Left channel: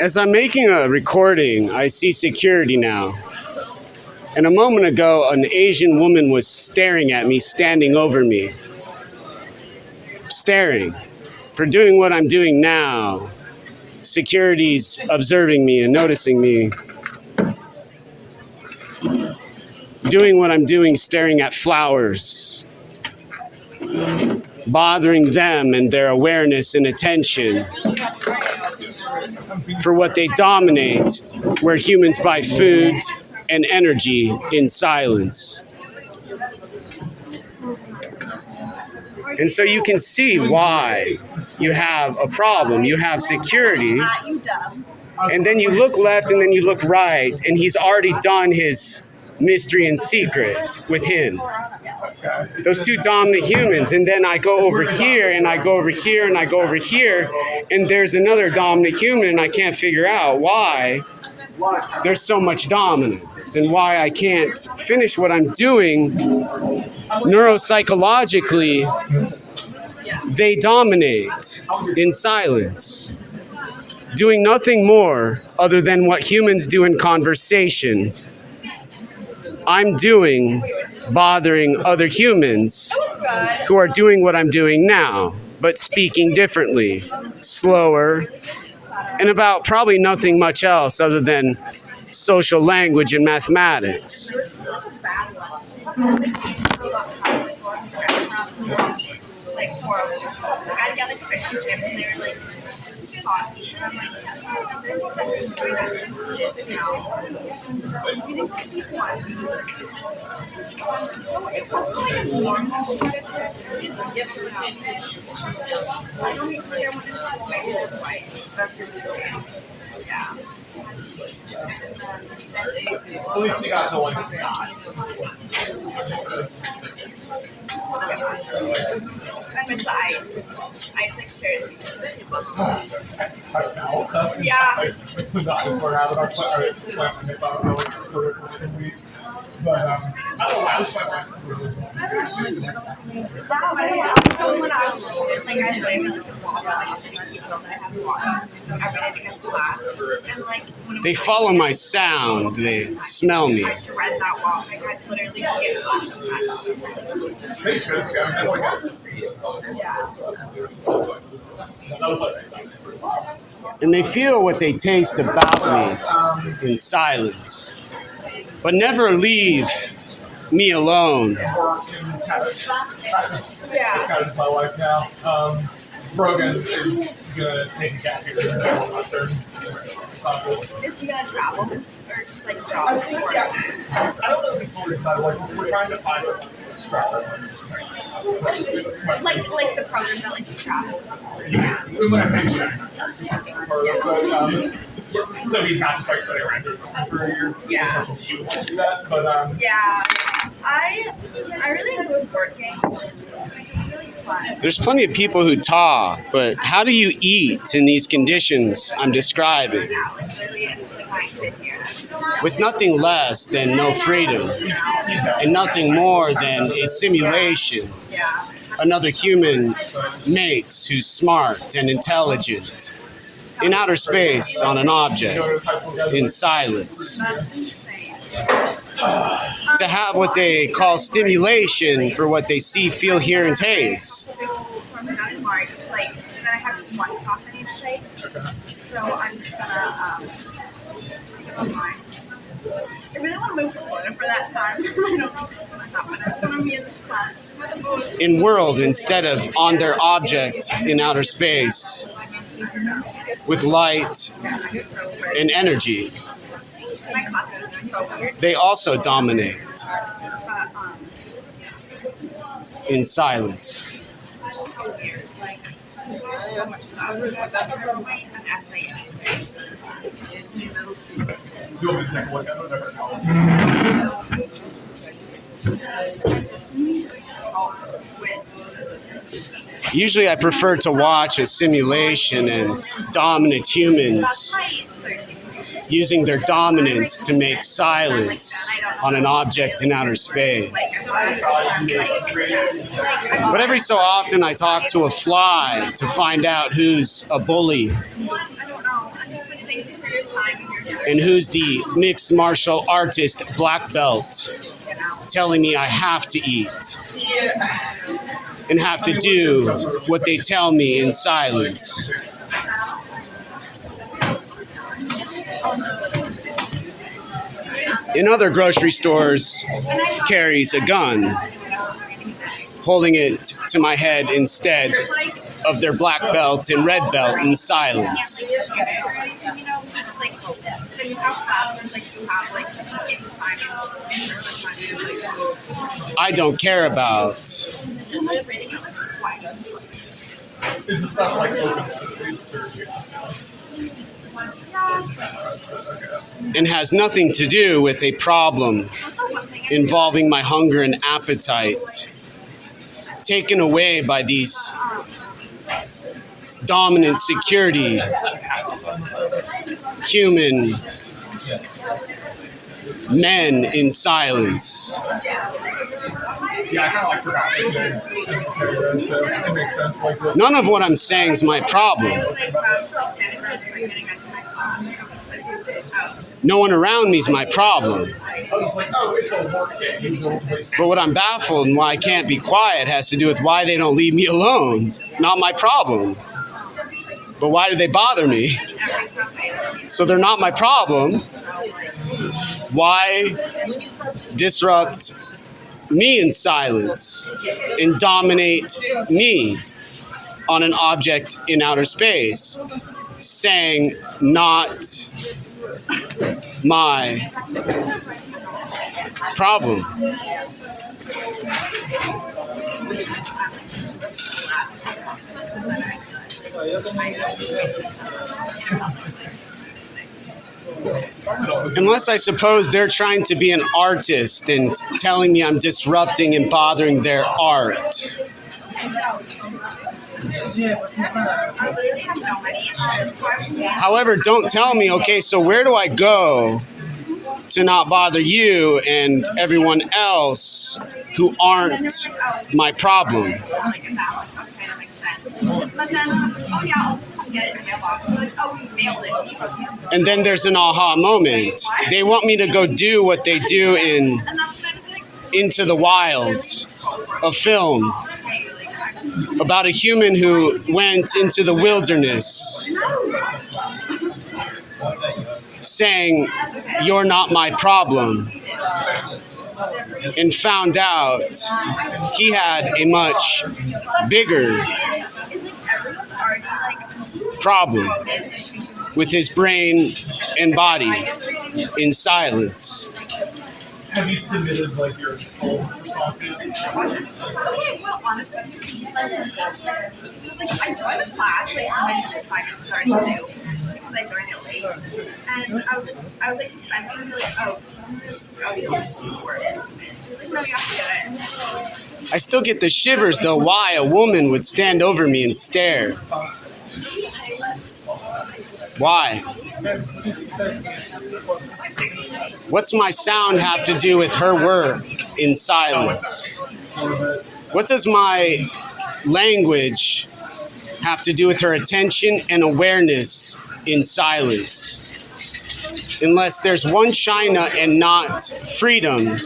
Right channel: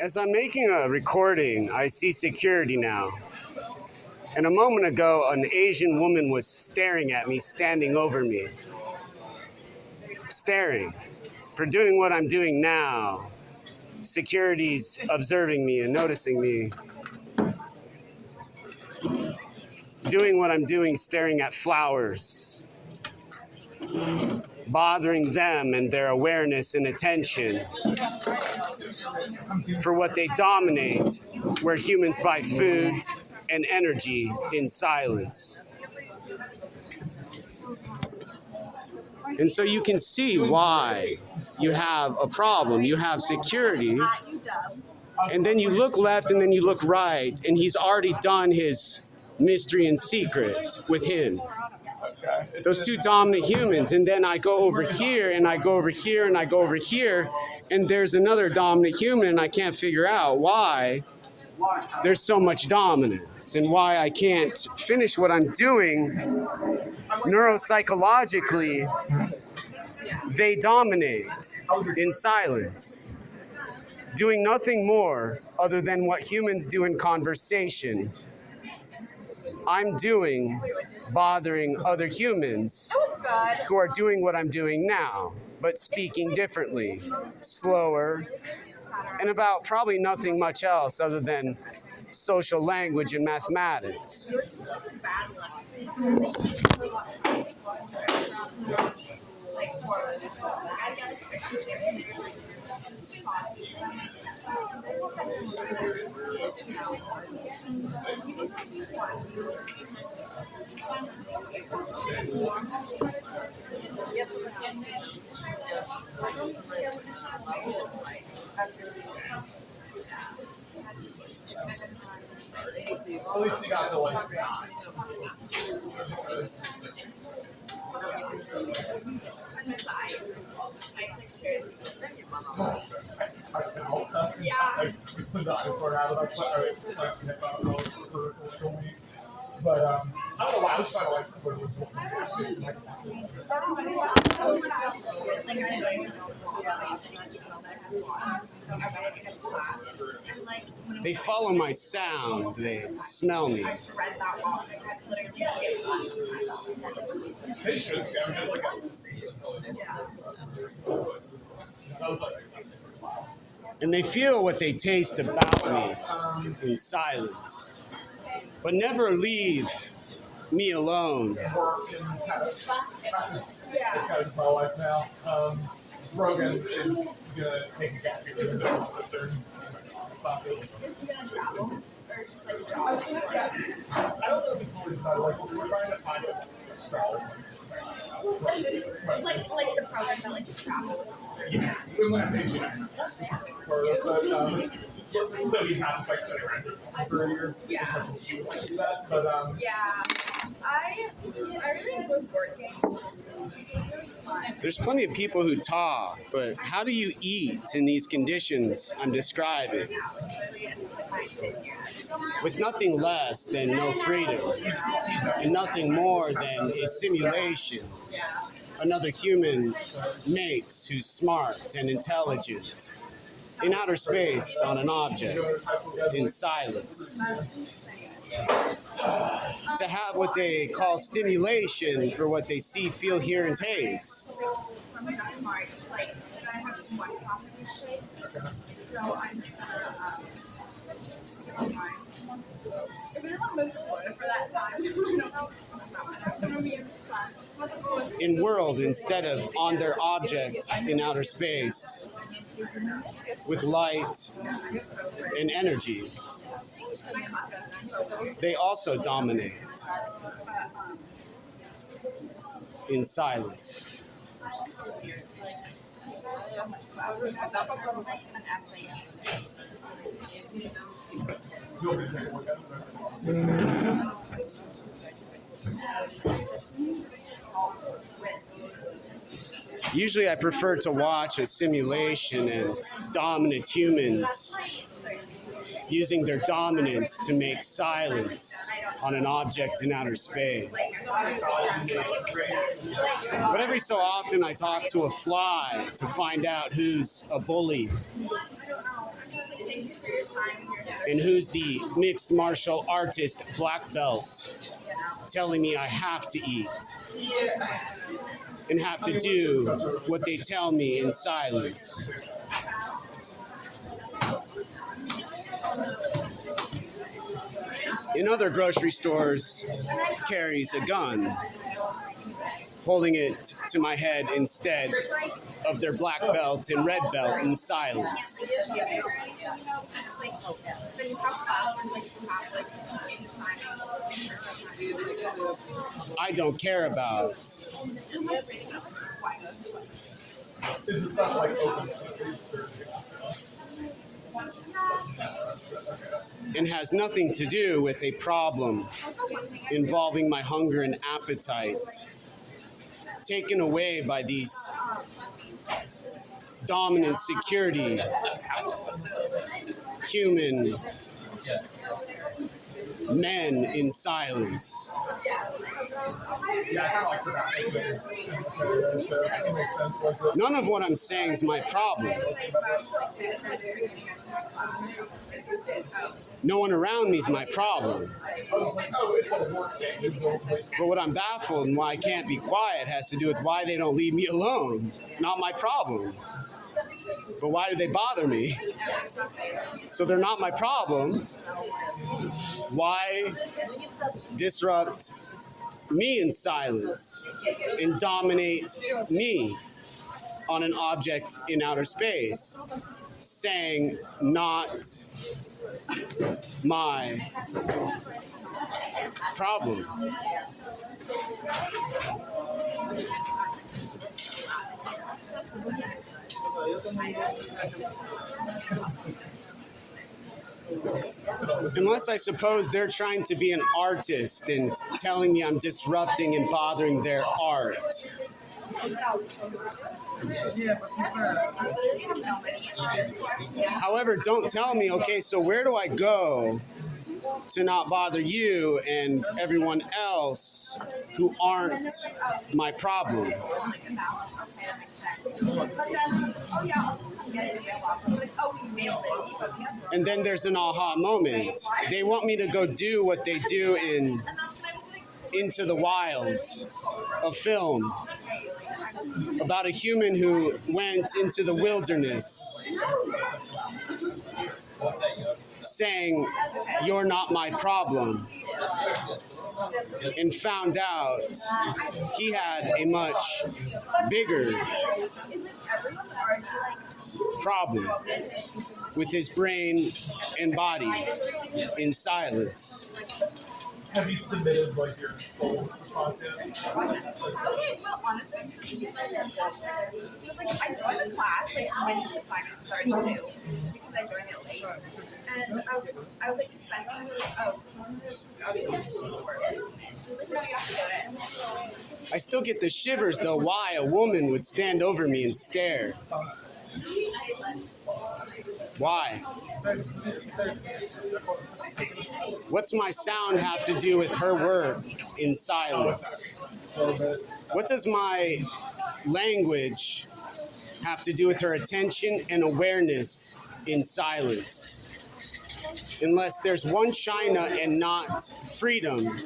As I'm making a recording, I see security now. And a moment ago, an Asian woman was staring at me, standing over me. Staring. For doing what I'm doing now, security's observing me and noticing me. Doing what I'm doing, staring at flowers. Bothering them and their awareness and attention for what they dominate, where humans buy food and energy in silence. And so you can see why you have a problem. You have security, and then you look left and then you look right, and he's already done his mystery and secret with him. Those two dominant humans, and then I go over here, and I go over here, and I go over here, and there's another dominant human, and I can't figure out why there's so much dominance and why I can't finish what I'm doing neuropsychologically. They dominate in silence, doing nothing more other than what humans do in conversation. I'm doing bothering other humans who are doing what I'm doing now, but speaking differently, slower, and about probably nothing much else other than social language and mathematics. At least you got to one. I miss the ice. Ice experience. Yeah. But I don't know. I was trying to like put it They follow my sound, they smell me. They should scam. That's like And they feel what they taste about me in silence, but never leave me alone. Got into my life now. Brogan is gonna take a gap here and go on Western. Is he gonna travel or just like job? I don't know if he's fully decided. Like we're trying to find a structure. Like the program that like travel. Yeah. When I say check. So he's not just like sitting around here for a year. Yeah. Do that, but Yeah. I really enjoy working. There's plenty of people who talk, but how do you eat in these conditions I'm describing? With nothing less than no freedom, and nothing more than a simulation another human makes who's smart and intelligent, in outer space on an object, in silence. To have what they call stimulation for what they see, feel, hear, and taste. From down in March, like, and then I have some lunch off I need to take. So I'm just gonna go online. I really want to move to Florida for that time. I don't know if it's gonna happen. It's gonna be in this class. In world instead of on their object in outer space, with light and energy. My classes are so weird. They also dominate in silence. So weird. Like, so much stuff. An essay. you want me to take a look at it? Usually I prefer to watch a simulation and dominant humans using their dominance to make silence on an object in outer space. But every so often I talk to a fly to find out who's a bully. I don't know. I just like think and who's the mixed martial artist black belt telling me I have to eat and have to do what they tell me in silence. In other grocery stores, carries a gun, holding it to my head instead of their black belt and red belt in silence. I don't care about. Is this stuff like open to these And has nothing to do with a problem involving my hunger and appetite, taken away by these dominant security, human men in silence. Yeah, I kind of like forgot that so it makes sense. Like, None of what I'm saying is my problem. No one around me is my problem. I was like, oh, it's a work day. But what I'm baffled and why I can't be quiet has to do with why they don't leave me alone. Not my problem. But why do they bother me? So they're not my problem. Why disrupt me in silence and dominate me on an object in outer space, saying not my problem? Unless I suppose they're trying to be an artist and telling me I'm disrupting and bothering their art. However, don't tell me, okay, so where do I go to not bother you and everyone else who aren't my problem? And then there's an aha moment. They want me to go do what they do in Into the Wild, a film about a human who went into the wilderness saying, "You're not my problem," and found out he had a much bigger problem with his brain and body in silence. Have you submitted like your full content? I joined the class when this assignment was already due because I joined it late, and I was like, no, you have to do it. I still get the shivers though why a woman would stand over me and stare. Why? What's my sound have to do with her work in silence? What does my language have to do with her attention and awareness in silence? Unless there's one China and not freedom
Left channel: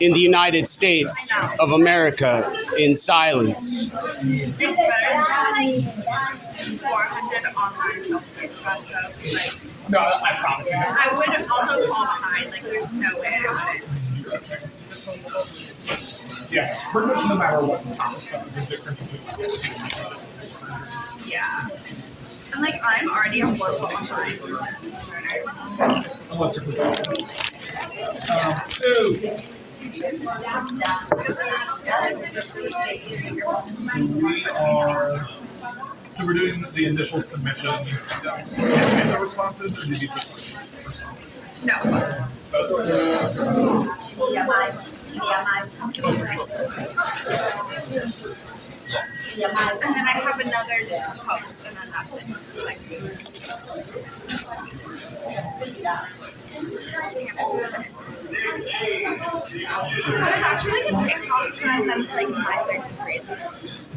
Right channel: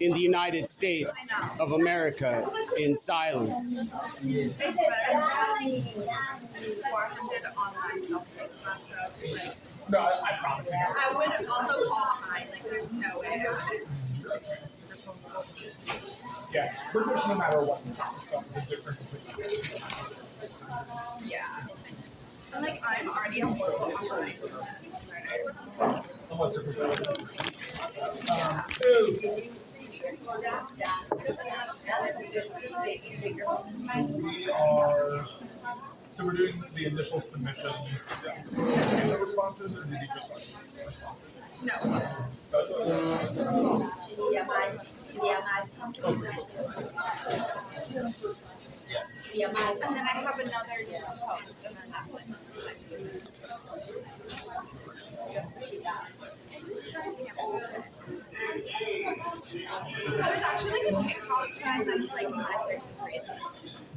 in the United States of America in silence. 400 online self-paced stuff. No, I promise you. I would also fall behind. Like, there's no way I would. Yeah, pretty much no matter what there's different. Yeah. And like, I'm already a level behind. Unless you're professional. So we're doing the initial submission. The responses, or did you just No. And then I have another just post, and then that's it. Like, there's actually like a TikTok trend that's like my third grade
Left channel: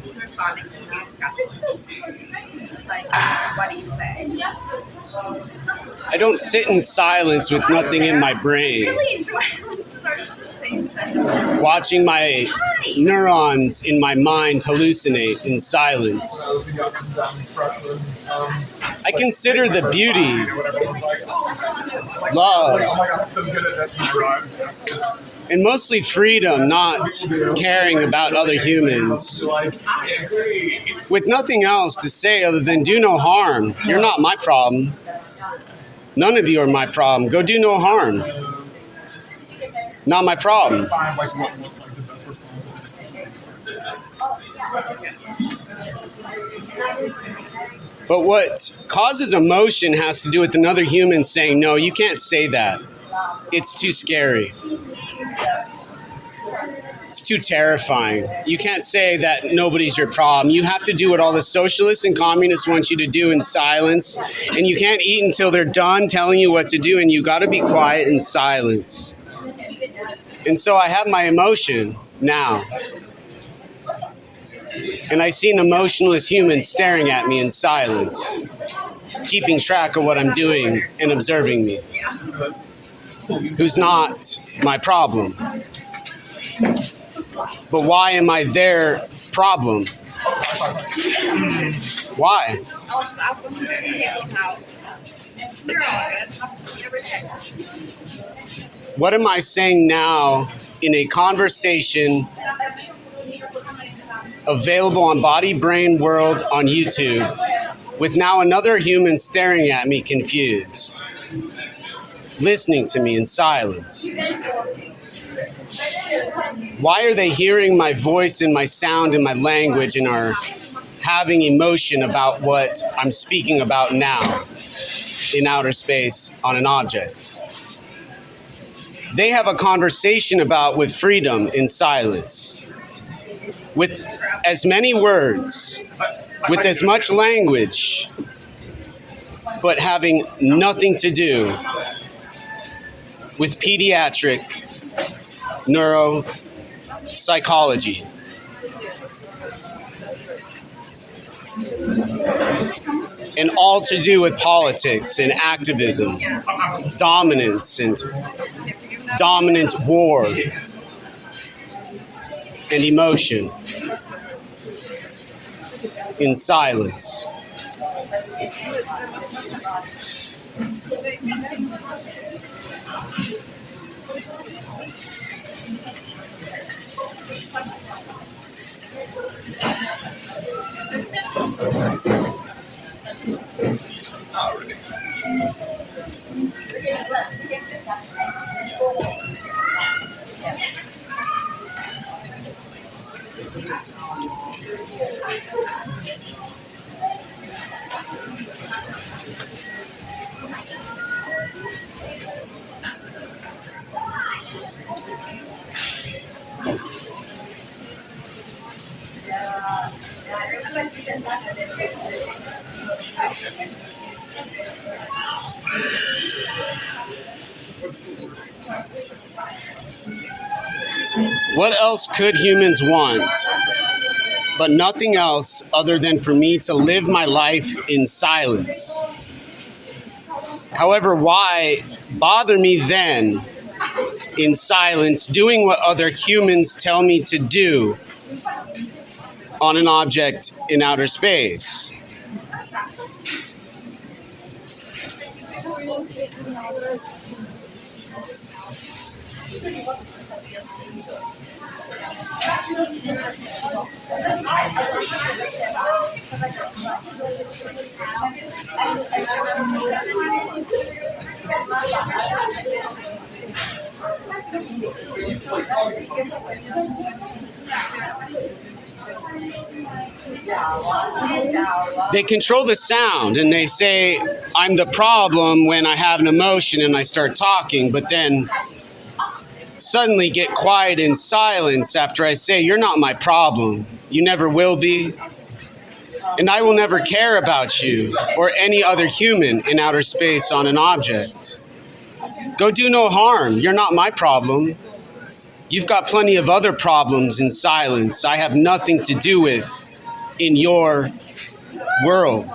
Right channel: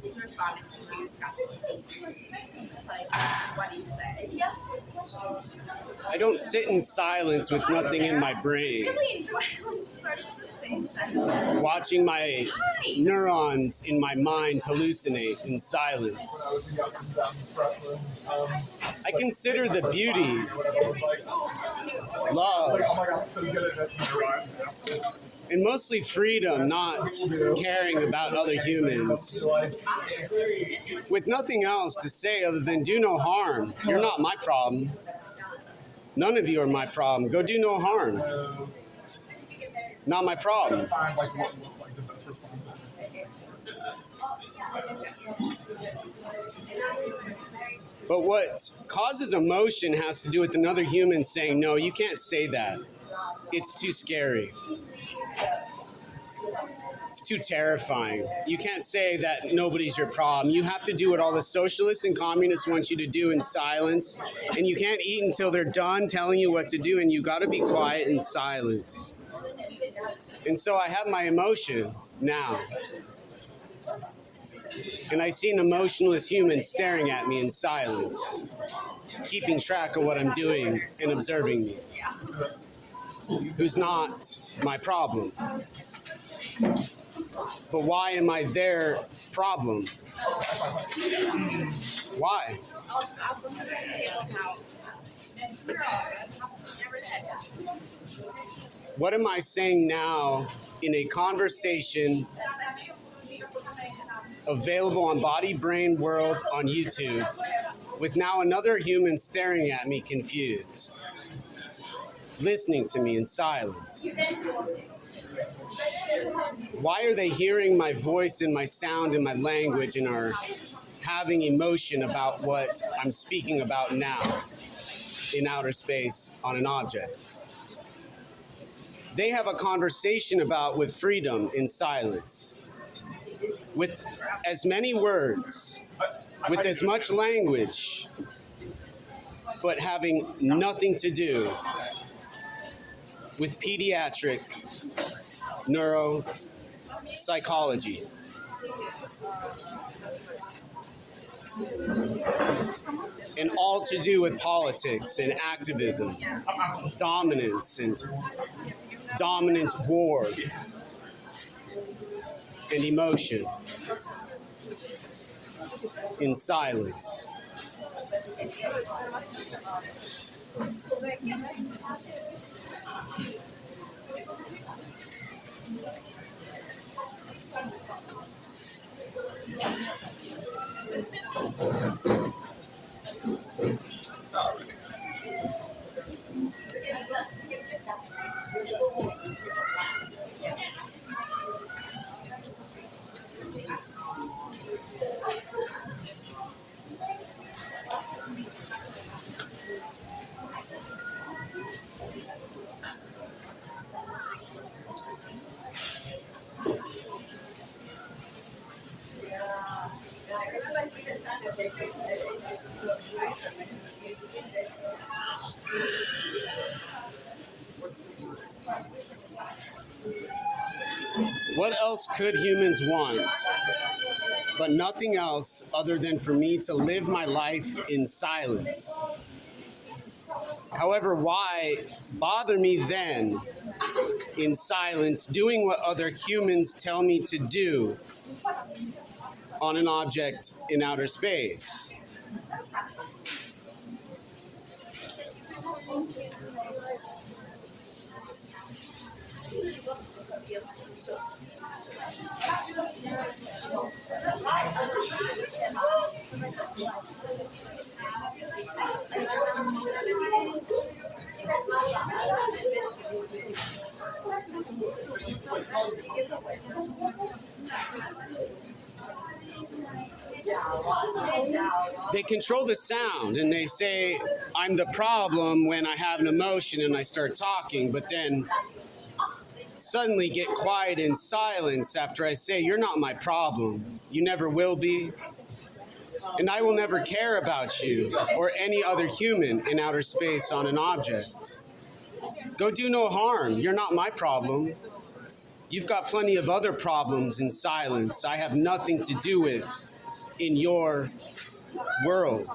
just responding to my discussions. It's like, what do you say? I don't sit in silence with nothing in my brain, Really enjoy starting the same sentence. watching my neurons in my mind hallucinate in silence. I was a young dumb freshman. I consider the beauty, Whatever it was like. love, Oh my god, I'm so good at that memorized. and mostly freedom, not caring about other humans, Like, I agree. with nothing else to say other than do no harm. You're not my problem. None of you are my problem. Go do no harm. Not my problem. Find like what looks like the best response. But what causes emotion has to do with another human saying, no, you can't say that. It's too scary. It's too terrifying. You can't say that nobody's your problem. You have to do what all the socialists and communists want you to do in silence. And you can't eat until they're done telling you what to do. And you got to be quiet in silence. And so I have my emotion now. And I see an emotionless human staring at me in silence, keeping track of what I'm doing and observing me, who's not my problem. But why am I their problem? Why? I'll just ask them to handle how. You're all good. Everything. What am I saying now in a conversation available on Body Brain World on YouTube with now another human staring at me confused, listening to me in silence? Why are they hearing my voice and my sound and my language and are having emotion about what I'm speaking about now in outer space on an object? They have a conversation about with freedom in silence, with as many words, with as much language, but having nothing to do with pediatric neuropsychology. And all to do with politics and activism, dominance and dominant war and emotion in silence. What else could humans want? But nothing else other than for me to live my life in silence. However, why bother me then in silence doing what other humans tell me to do on an object in outer space? They control the sound and they say I'm the problem when I have an emotion and I start talking, but then suddenly get quiet in silence after I say you're not my problem. You never will be. And I will never care about you or any other human in outer space on an object. Go do no harm. You're not my problem. You've got plenty of other problems in silence I have nothing to do with in your world.